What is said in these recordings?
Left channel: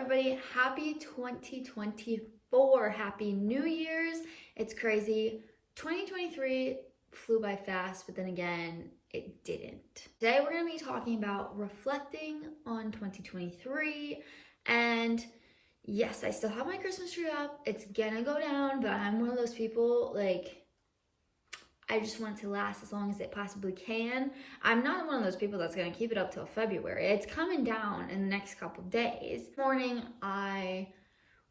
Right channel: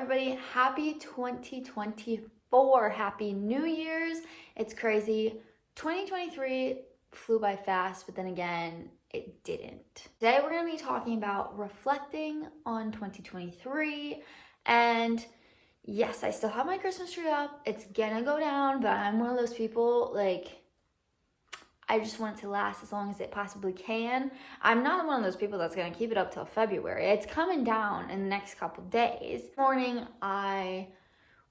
everybody? Happy 2024. Happy New Year's. It's crazy. 2023 flew by fast, but then again, it didn't. Today we're going to be talking about reflecting on 2023. And yes, I still have my Christmas tree up. It's gonna go down, but I'm one of those people, I just want it to last as long as it possibly can. I'm not one of those people that's gonna keep it up till February. It's coming down in the next couple days. This morning, I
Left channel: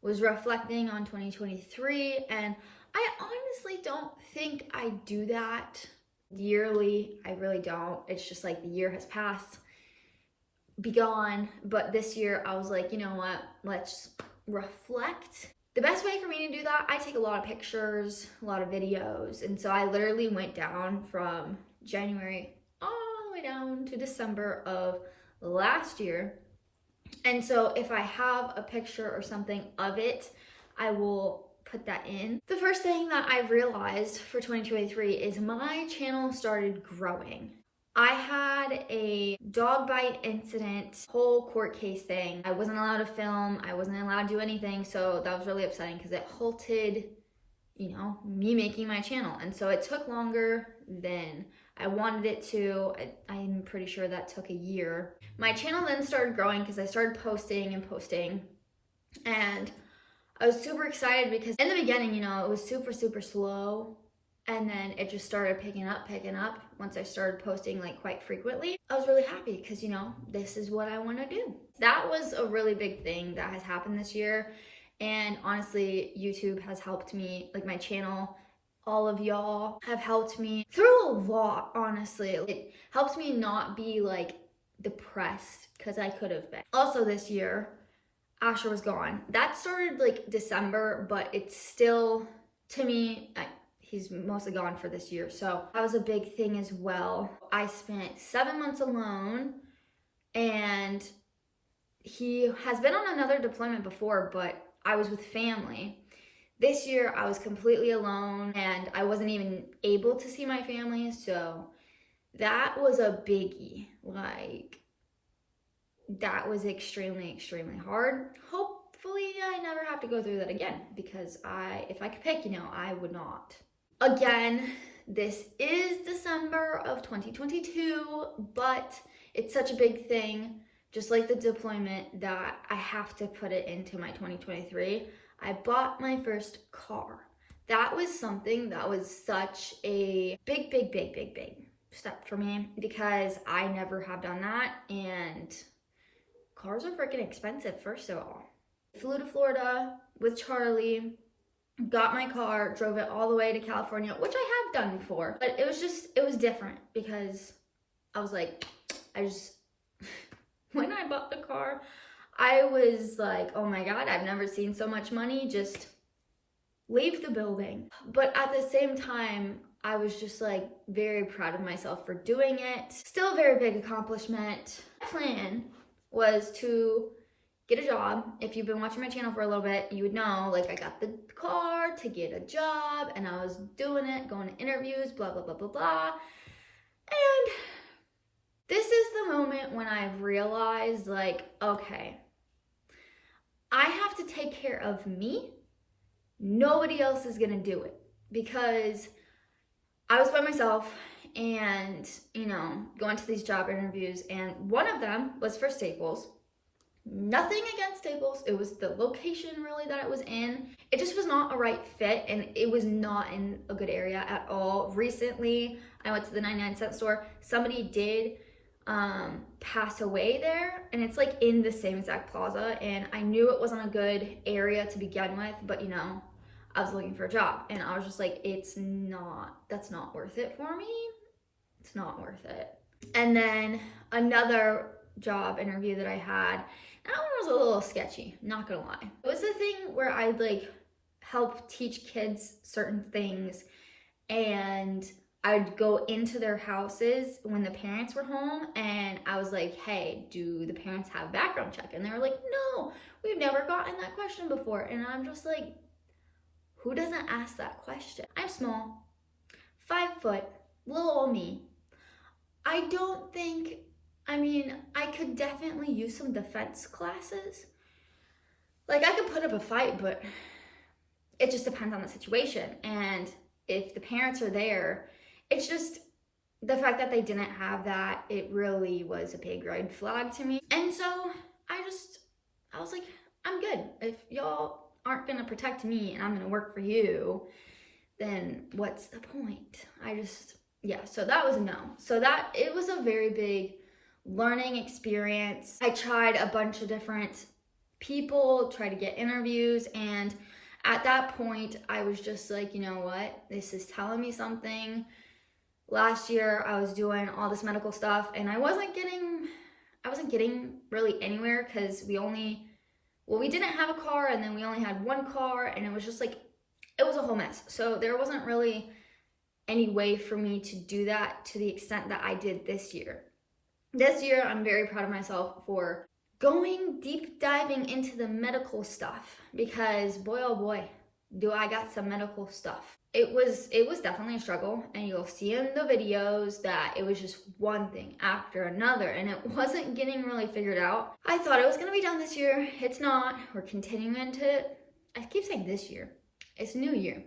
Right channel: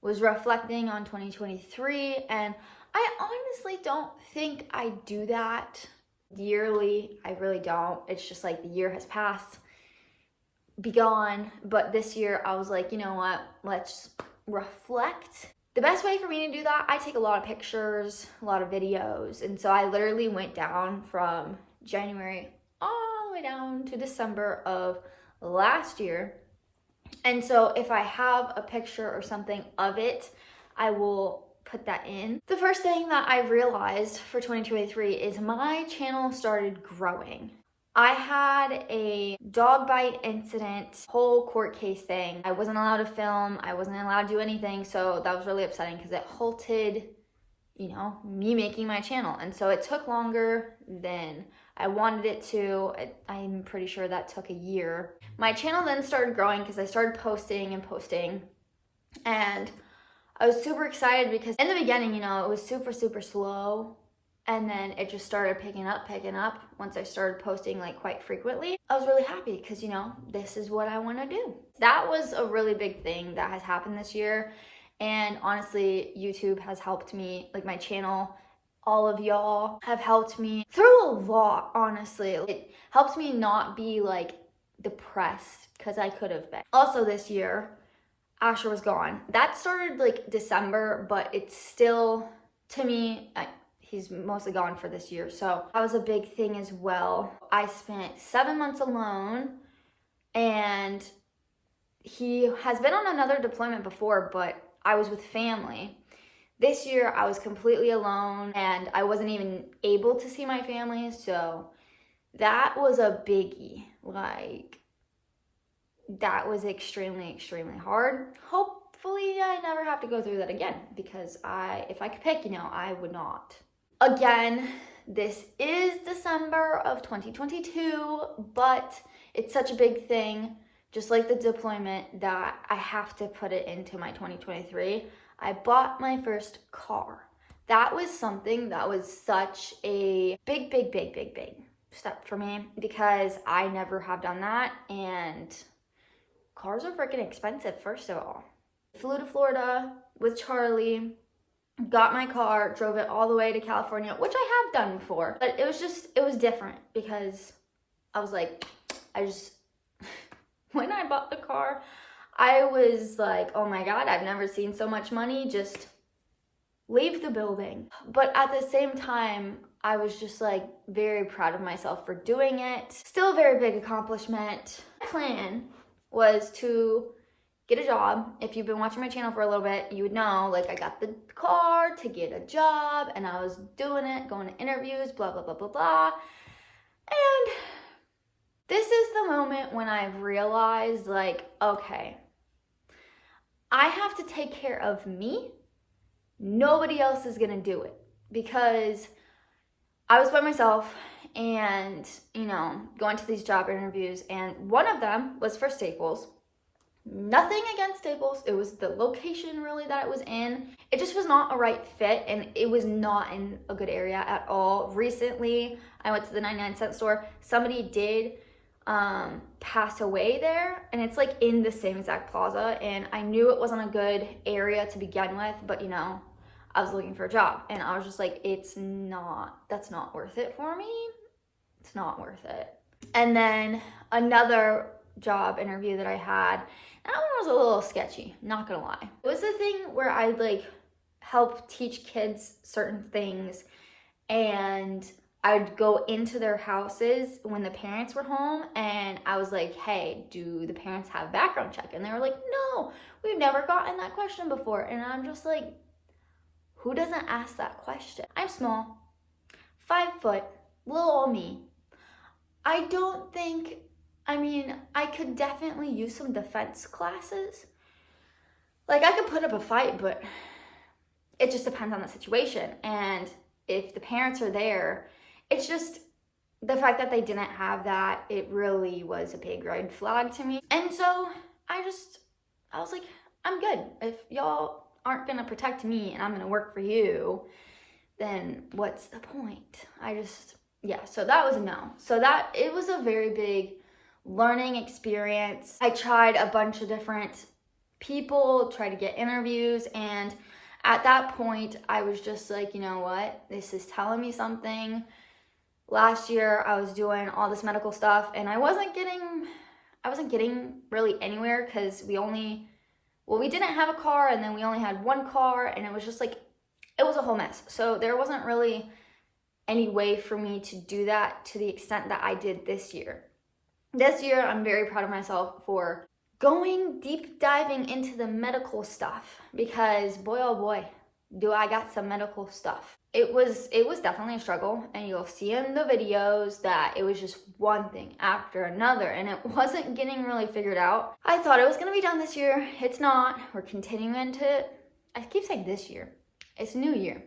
was reflecting on 2023, and I honestly don't think I do that yearly. I really don't. It's just like the year has passed, be gone. But this year, I was like, you know what? Let's reflect. The best way for me to do that, I take a lot of pictures, a lot of videos. And so I literally went down from January all the way down to December of last year. And so if I have a picture or something of it, I will put that in. The first thing that I realized for 2023 is my channel started growing. I had a dog bite incident, whole court case thing. I wasn't allowed to film. I wasn't allowed to do anything. So that was really upsetting because it halted, me making my channel. And so it took longer than I wanted it to. I'm pretty sure that took a year. My channel then started growing because I started posting. And I was super excited because in the beginning, it was super, super slow. And then it just started picking up once I started posting quite frequently. I was really happy because, this is what I want to do. That was a really big thing that has happened this year. And honestly, YouTube has helped me, my channel, all of y'all have helped me through a lot, honestly. It helped me not be depressed because I could have been. Also this year, Asher was gone. That started December, but it's still, to me, he's mostly gone for this year. So that was a big thing as well. I spent 7 months alone, and he has been on another deployment before, but I was with family. This year I was completely alone and I wasn't even able to see my family. So that was a biggie. That was extremely, extremely hard. Hopefully I never have to go through that again because if I could pick, I would not. Again, this is December of 2022, but it's such a big thing, just like the deployment, that I have to put it into my 2023. I bought my first car. That was something that was such a big step for me because I never have done that, and cars are freaking expensive, first of all. Flew to Florida with Charlie, got my car, drove it all the way to California, which I have done before, but it was different because I was when I bought the car, I was like, oh my God, I've never seen so much money just leave the building. But at the same time, I was just very proud of myself for doing it. Still a very big accomplishment. My plan was to get a job. If you've been watching my channel for a little bit, you would know, I got the car to get a job and I was doing it, going to interviews, blah, blah, blah, blah, blah. And this is the moment when I've realized, okay, I have to take care of me. Nobody else is gonna do it because I was by myself and, going to these job interviews, and one of them was for Staples. Nothing against Staples. It was the location really that it was in. It just was not a right fit, and it was not in a good area at all. Recently, I went to the 99-cent store. Somebody did pass away there, and it's in the same exact plaza, and I knew it wasn't a good area to begin with, but I was looking for a job, and I was just that's not worth it for me. It's not worth it. And then another job interview that I had, that one was a little sketchy, not gonna lie. It was the thing where I'd help teach kids certain things, and I'd go into their houses when the parents were home, and I was like, hey, do the parents have background check? And they were like, no, we've never gotten that question before. And I'm just like, who doesn't ask that question? I'm small, 5 foot, little old me. I could definitely use some defense classes, like, I could put up a fight, but it just depends on the situation. And if the parents are there, it's just the fact that they didn't have that, it really was a big red flag to me. And so I was like, I'm good. If y'all aren't gonna protect me and I'm gonna work for you, then what's the point? Yeah, so that was a no. So that, it was a very big learning experience. I tried a bunch of different people, tried to get interviews, and at that point, I was just like, you know what? This is telling me something. Last year, I was doing all this medical stuff, and I wasn't getting really anywhere because we didn't have a car, and then we only had one car, and it was just like, it was a whole mess. So there wasn't really any way for me to do that to the extent that I did this year. This year, I'm very proud of myself for going deep diving into the medical stuff, because boy, oh boy, do I got some medical stuff. It was definitely a struggle, and you'll see in the videos that it was just one thing after another, and it wasn't getting really figured out. I thought it was gonna be done this year. It's not. We're continuing to, I keep saying this year. It's new year.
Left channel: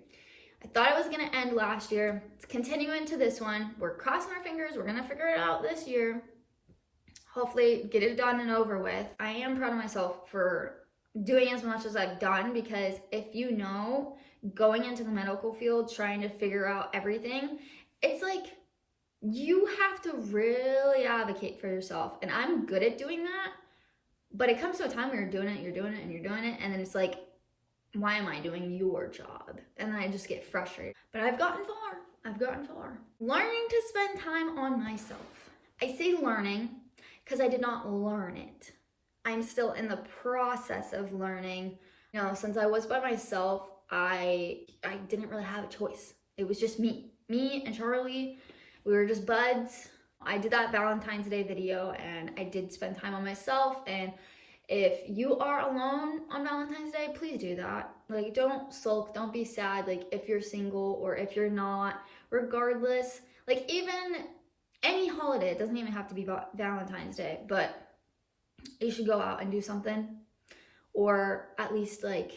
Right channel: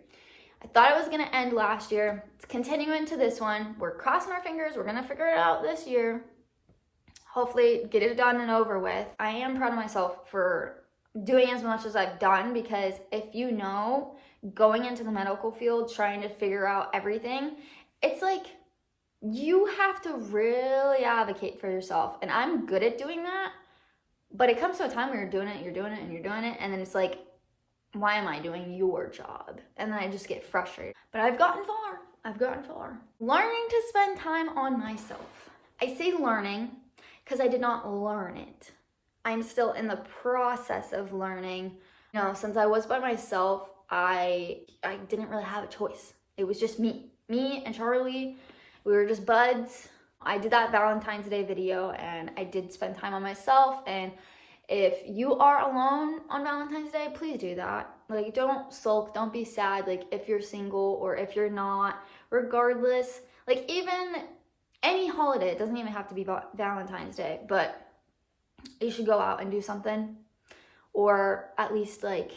I thought it was gonna end last year. It's continuing to this one. We're crossing our fingers. We're gonna figure it out this year. Hopefully get it done and over with. I am proud of myself for doing as much as I've done, because if you know, going into the medical field, trying to figure out everything, it's like you have to really advocate for yourself. And I'm good at doing that, but it comes to a time where you're doing it, and then it's like, why am I doing your job? And then I just get frustrated. But I've gotten far. Learning to spend time on myself. I say learning because I did not learn it. I'm still in the process of learning. You know, since I was by myself, I didn't really have a choice. It was just me and Charlie. We were just buds. I did that Valentine's Day video, and I did spend time on myself. And if you are alone on Valentine's Day, please do that. Like, don't sulk, don't be sad. Like, if you're single or if you're not, regardless, like, even any holiday, it doesn't even have to be Valentine's Day, but you should go out and do something. Or at least, like,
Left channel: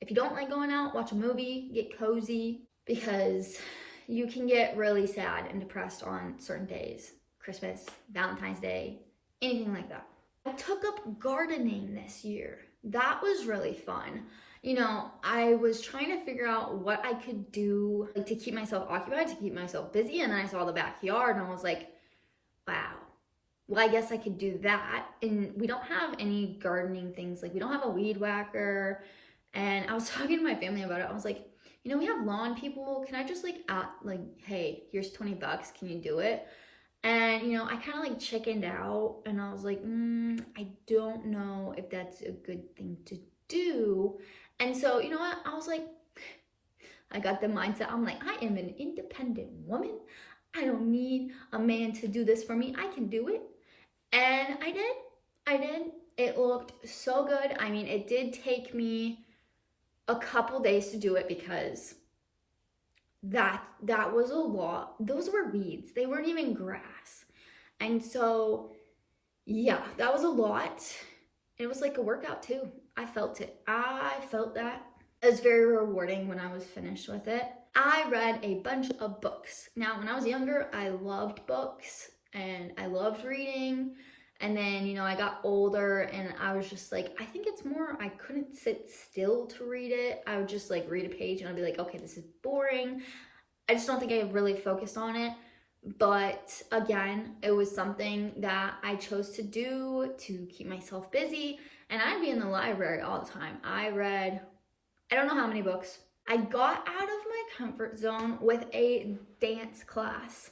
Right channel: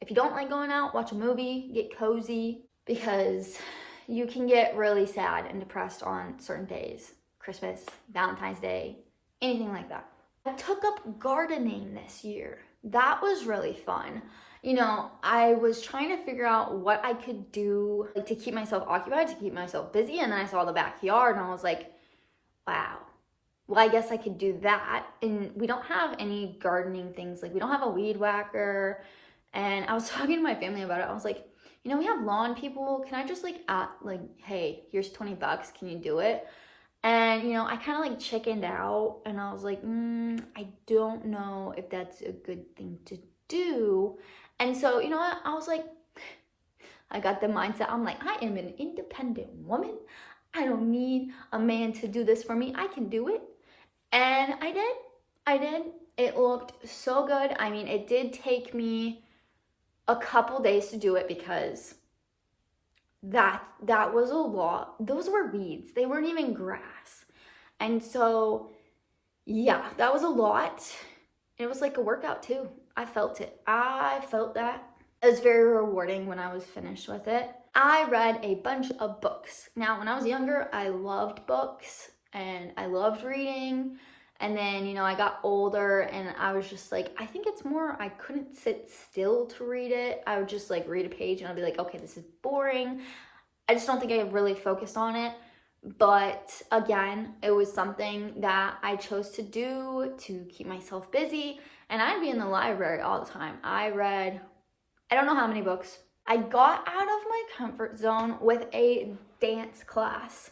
if you don't like going out, watch a movie, get cozy, because you can get really sad and depressed on certain days. Christmas, Valentine's Day, anything like that. I took up gardening this year. That was really fun. You know, I was trying to figure out what I could do, like, to keep myself occupied, to keep myself busy, and then I saw the backyard and I was like, wow, well, I guess I could do that. And we don't have any gardening things. Like, we don't have a weed whacker. And I was talking to my family about it. I was like, you know, we have lawn people. Can I just hey, here's $20. Can you do it? And, you know, I kind of like chickened out, and I was like, I don't know if that's a good thing to do. And so, you know what? I was like, I got the mindset. I'm like, I am an independent woman. I don't need a man to do this for me. I can do it. And I did. It looked so good. I mean, it did take me a couple days to do it, because that was a lot. Those were weeds. They weren't even grass. And so, yeah, that was a lot. It was like a workout too. I felt it. I felt that. It was very rewarding when I was finished with it. I read a bunch of books. Now, when I was younger, I loved books and I loved reading. And then, you know, I got older and I was just like, I think it's more, I couldn't sit still to read it. I would just like read a page and I'd be like, okay, this is boring. I just don't think I really focused on it. But again, it was something that I chose to do to keep myself busy. And I'd be in the library all the time. I read, I don't know how many books. I got out of my comfort zone with a dance class.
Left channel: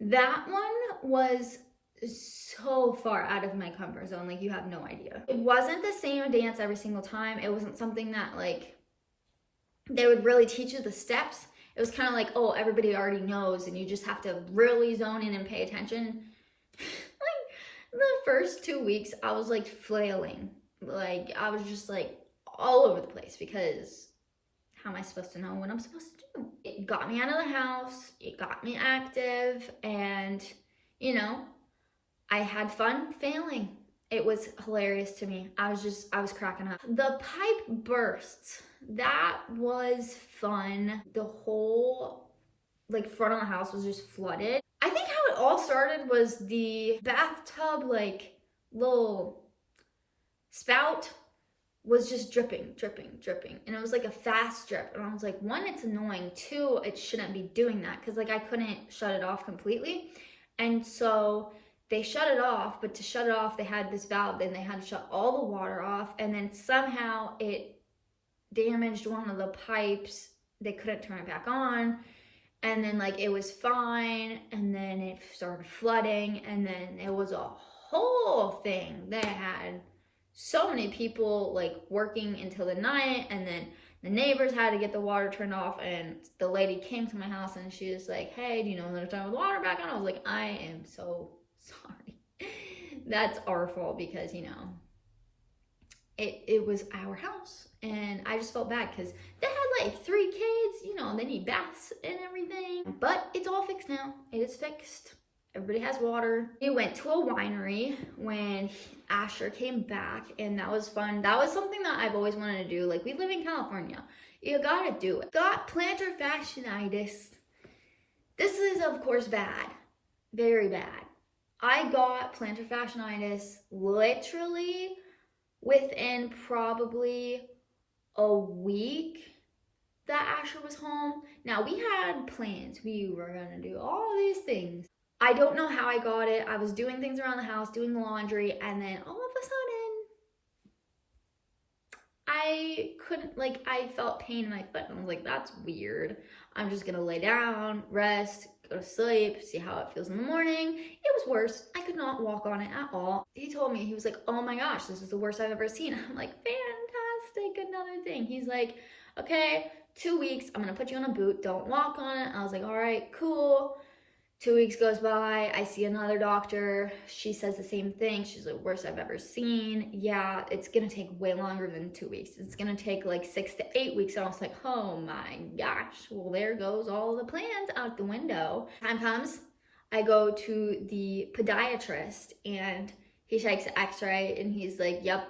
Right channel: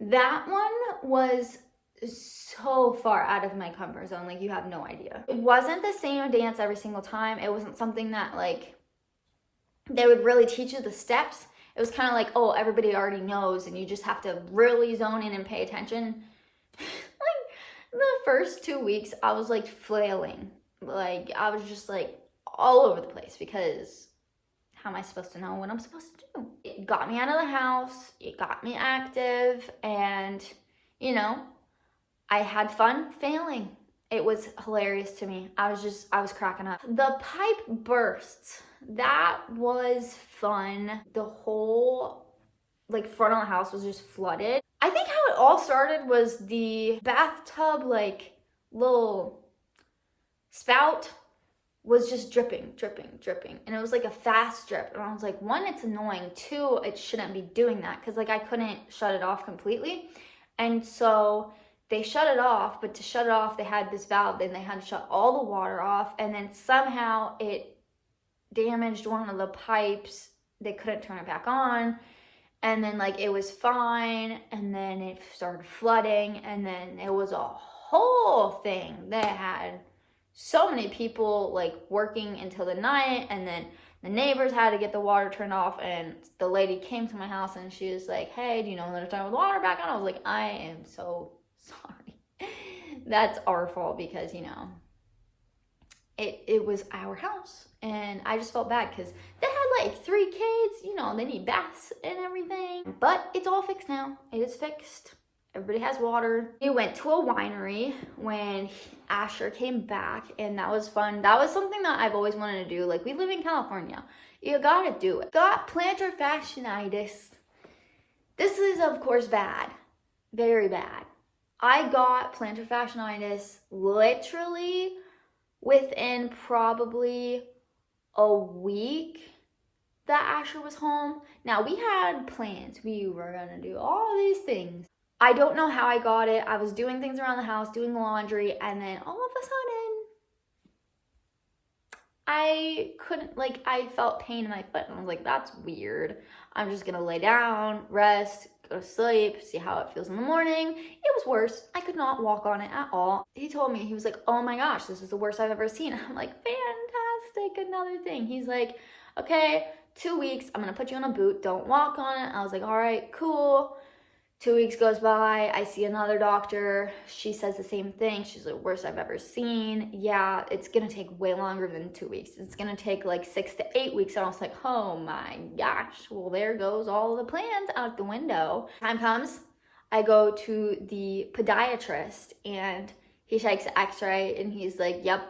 That one was so far out of my comfort zone, like you have no idea. It wasn't the same dance every single time. It wasn't something that like they would really teach you the steps. It was kind of like, oh, everybody already knows and you just have to really zone in and pay attention. Like the first 2 weeks, I was like flailing. Like I was just like all over the place, because how am I supposed to know what I'm supposed to do? It got me out of the house. It got me active, and you know, I had fun failing. It was hilarious to me. I was cracking up. The pipe bursts. That was fun. The whole like front of the house was just flooded. I think how it all started was the bathtub like little spout was just dripping. And it was like a fast drip. And I was like, one, it's annoying. Two, it shouldn't be doing that because like I couldn't shut it off completely. And so they shut it off, but to shut it off, they had this valve, and they had to shut all the water off. And then somehow it damaged one of the pipes. They couldn't turn it back on. And then like it was fine. And then it started flooding. And then it was a whole thing. They had so many people like working until the night, and then the neighbors had to get the water turned off. And the lady came to my house and she was like, hey, do you know when to turn the water back on? I was like, I am so sorry. That's our fault because, you know, it was our house. And I just felt bad because they had like 3 kids, you know, they need baths and everything. But it's all fixed now. It is fixed. Everybody has water. We went to a winery when Asher came back, and that was fun. That was something that I've always wanted to do. Like, we live in California. You gotta do it. Got plantar fasciitis. This is, of course, bad. Very bad. I got plantar fasciitis literally within probably a week that Asher was home. Now, we had plans. We were gonna do all these things. I don't know how I got it. I was doing things around the house, doing laundry, and then all of a sudden, I couldn't, like, I felt pain in my foot, and I was like, that's weird. I'm just gonna lay down, rest, go to sleep, see how it feels in the morning. It was worse. I could not walk on it at all. He told me, he was like, oh my gosh, this is the worst I've ever seen. I'm like, fantastic, another thing. He's like, okay, 2 weeks, I'm gonna put you on a boot, don't walk on it. I was like, all right, cool. 2 weeks goes by, I see another doctor. She says the same thing. She's like, worst I've ever seen. Yeah, it's gonna take way longer than 2 weeks. It's gonna take like 6 to 8 weeks. And I was like, oh my gosh. Well, there goes all the plans out the window. Time comes, I go to the podiatrist and he takes an x-ray and he's like, yep,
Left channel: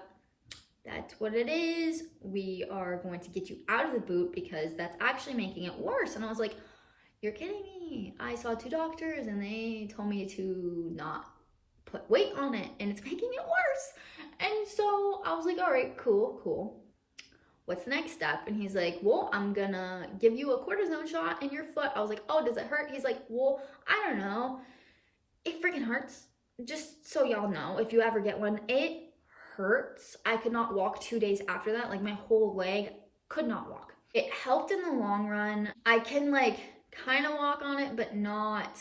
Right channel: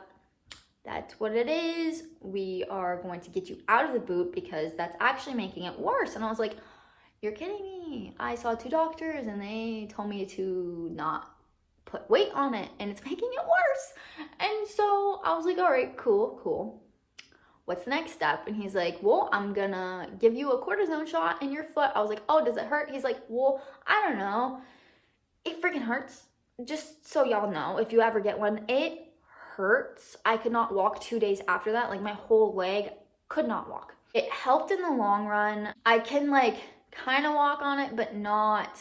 that's what it is. We are going to get you out of the boot because that's actually making it worse. And I was like, you're kidding me. I saw 2 doctors and they told me to not put weight on it and it's making it worse. And so I was like, all right, cool. What's the next step? And he's like, well, I'm gonna give you a cortisone shot in your foot. I was like, oh, does it hurt? He's like, well, I don't know. It freaking hurts. Just so y'all know, if you ever get one, it hurts. I could not walk 2 days after that. Like my whole leg could not walk. It helped in the long run. I can like kind of walk on it, but not.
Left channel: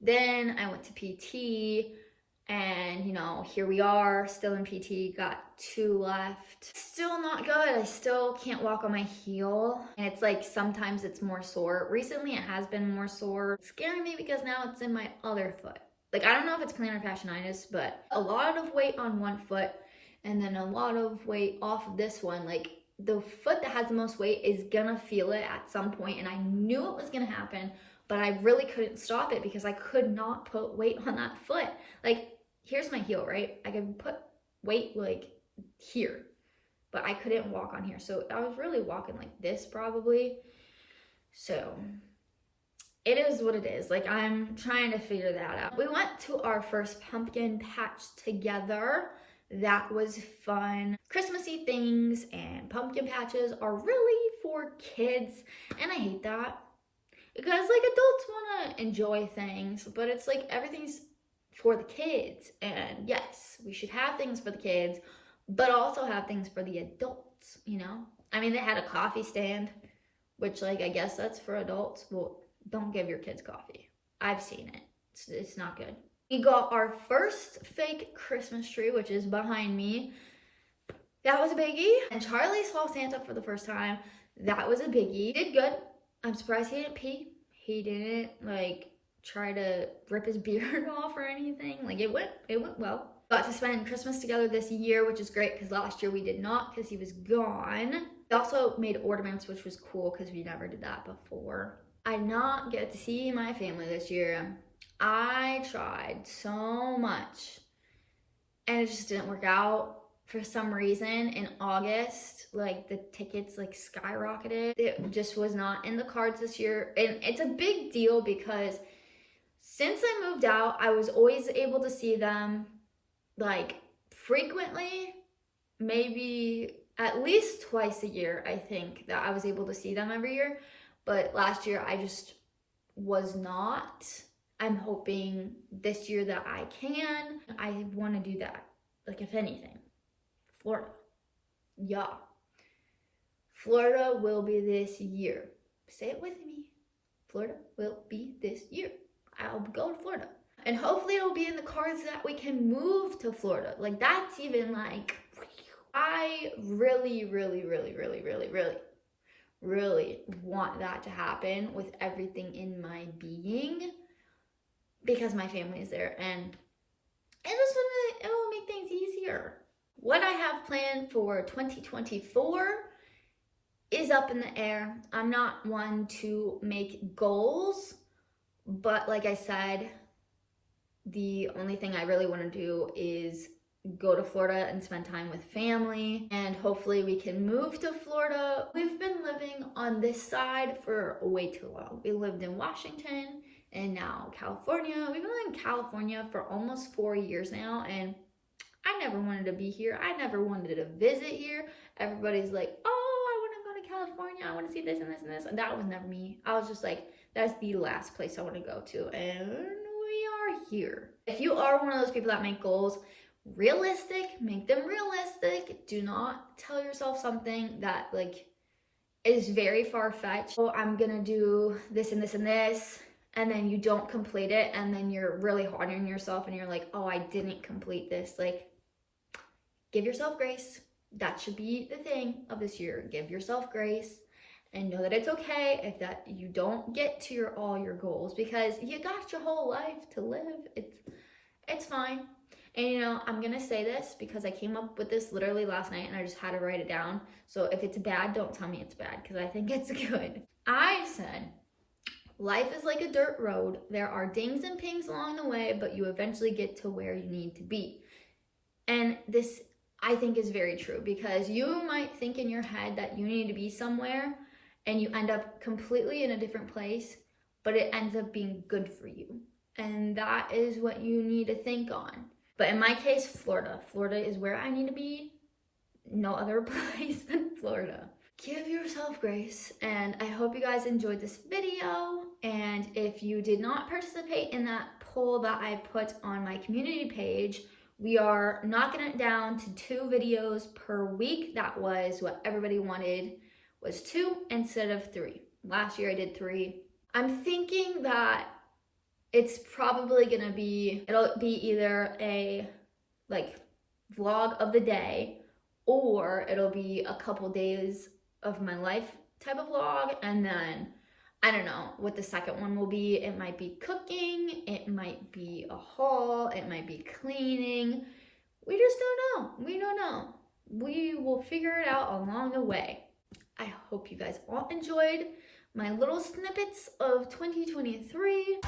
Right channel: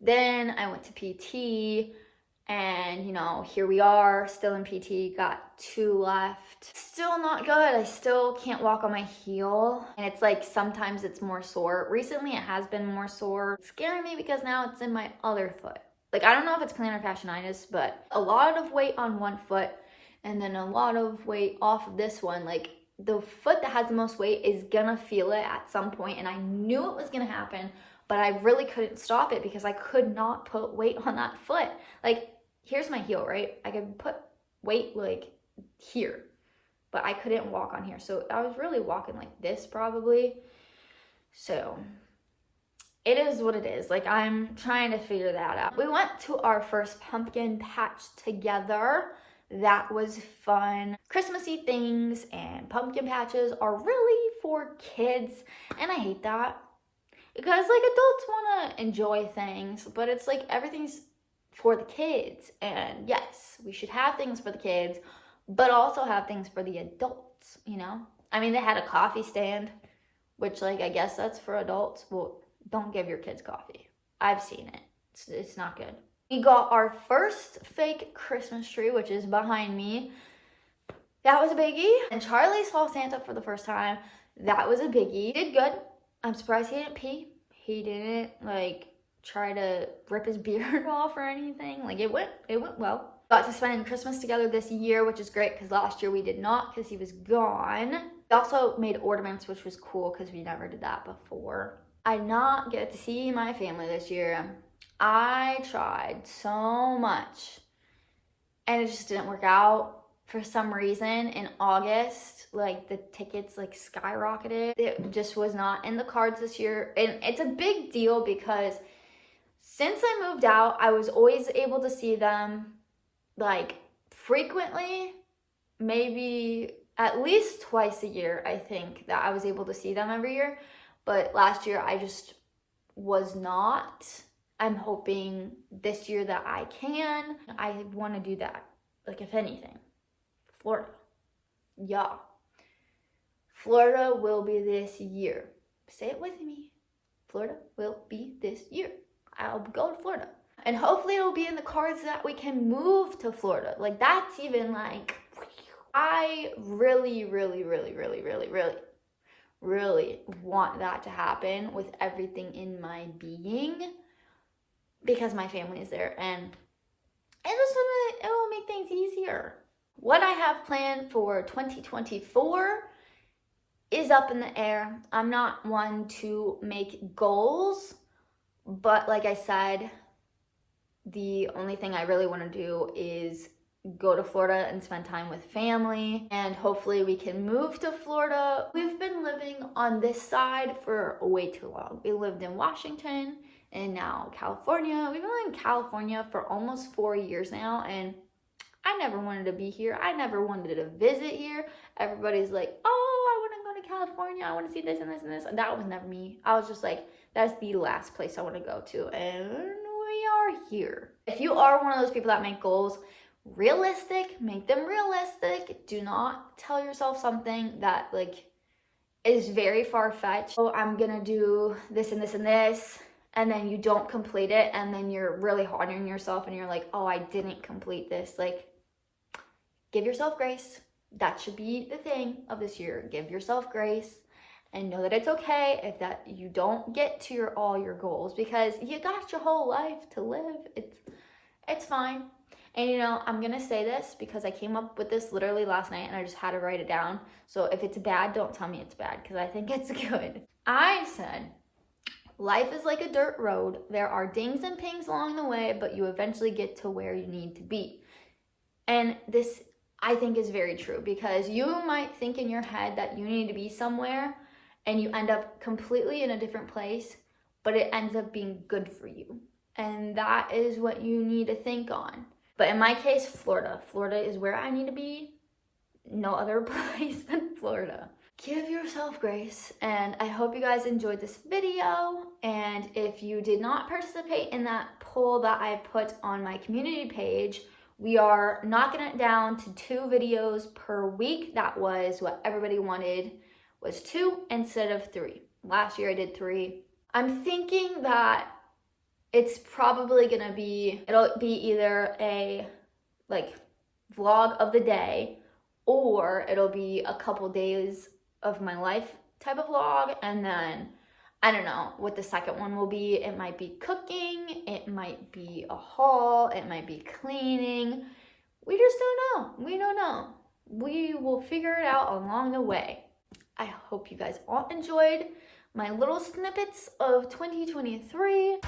Then I went to PT and, you know, here we are still in PT, got 2 left. Still not good. I still can't walk on my heel. And it's like, sometimes it's more sore. Recently it has been more sore. It's scaring me because now it's in my other foot. Like, I don't know if it's plantar fasciitis, but a lot of weight on one foot and then a lot of weight off of this one. Like, the foot that has the most weight is gonna feel it at some point, and I knew it was gonna happen, but I really couldn't stop it because I could not put weight on that foot. Like, here's my heel, right? I could put weight like here, but I couldn't walk on here. So I was really walking like this probably. So it is what it is. Like, I'm trying to figure that out. We went to our first pumpkin patch together. That was fun. Christmassy things and pumpkin patches are really for kids, and I hate that because like adults want to enjoy things, but it's like everything's for the kids. And yes, we should have things for the kids, but also have things for the adults, you know? I mean, they had a coffee stand, which like I guess that's for adults. Well, don't give your kids coffee. I've seen it. It's not good. We got our first fake Christmas tree, which is behind me. That was a biggie. And Charlie saw Santa for the first time. That was a biggie. He did good. I'm surprised he didn't pee. He didn't like try to rip his beard off or anything. Like it went well. Got to spend Christmas together this year, which is great because last year we did not because he was gone. We also made ornaments, which was cool because we never did that before. I did not get to see my family this year. I tried so much and it just didn't work out for some reason. In August, like the tickets like skyrocketed. It just was not in the cards this year, and it's a big deal because since I moved out, I was always able to see them like frequently, maybe at least twice a year. I think that I was able to see them every year, but last year I just was not. I'm hoping this year that I can. I want to do that. Like, if anything, Florida. Yeah. Florida will be this year. Say it with me. Florida will be this year. I'll go to Florida. And hopefully it'll be in the cards that we can move to Florida. Like, that's even like, I really want that to happen with everything in my being, because my family is there, and it will make things easier. What I have planned for 2024 is up in the air. I'm not one to make goals, but like I said, the only thing I really want to do is go to Florida and spend time with family, and hopefully we can move to Florida. We've been living on this side for way too long. We lived in Washington and now California. We've been in California for almost 4 years now, and I never wanted to be here. I never wanted to visit here. Everybody's like, oh, I want to go to California. I want to see this and this and this. And that was never me. I was just like, that's the last place I want to go to. And we are here. If you are one of those people that make goals realistic, make them realistic. Do not tell yourself something that like is very far-fetched. Oh, I'm gonna do this and this and this, and then you don't complete it, and then you're really hard on yourself and you're like, oh, I didn't complete this. Like, give yourself grace. That should be the thing of this year. Give yourself grace and know that it's okay if that you don't get to all your goals, because you got your whole life to live. It's fine. And you know, I'm gonna say this because I came up with this literally last night and I just had to write it down. So if it's bad, don't tell me it's bad, because I think it's good. I said, life is like a dirt road. There are dings and pings along the way, but you eventually get to where you need to be. And this, I think, is very true, because you might think in your head that you need to be somewhere and you end up completely in a different place, but it ends up being good for you. And that is what you need to think on. But in my case, Florida. Florida is where I need to be. No other place than Florida. Give yourself grace, and I hope you guys enjoyed this video. And if you did not participate in that poll that I put on my community page, we are knocking it down to 2 videos per week. That was what everybody wanted, was 2 instead of 3. Last year I did 3. I'm thinking that it's probably gonna be, it'll be either a like vlog of the day, or it'll be a couple days of my life type of vlog. And then I don't know what the second one will be. It might be cooking, it might be a haul, it might be cleaning. We just don't know. We don't know. We will figure it out along the way. I hope you guys all enjoyed my little snippets of 2023.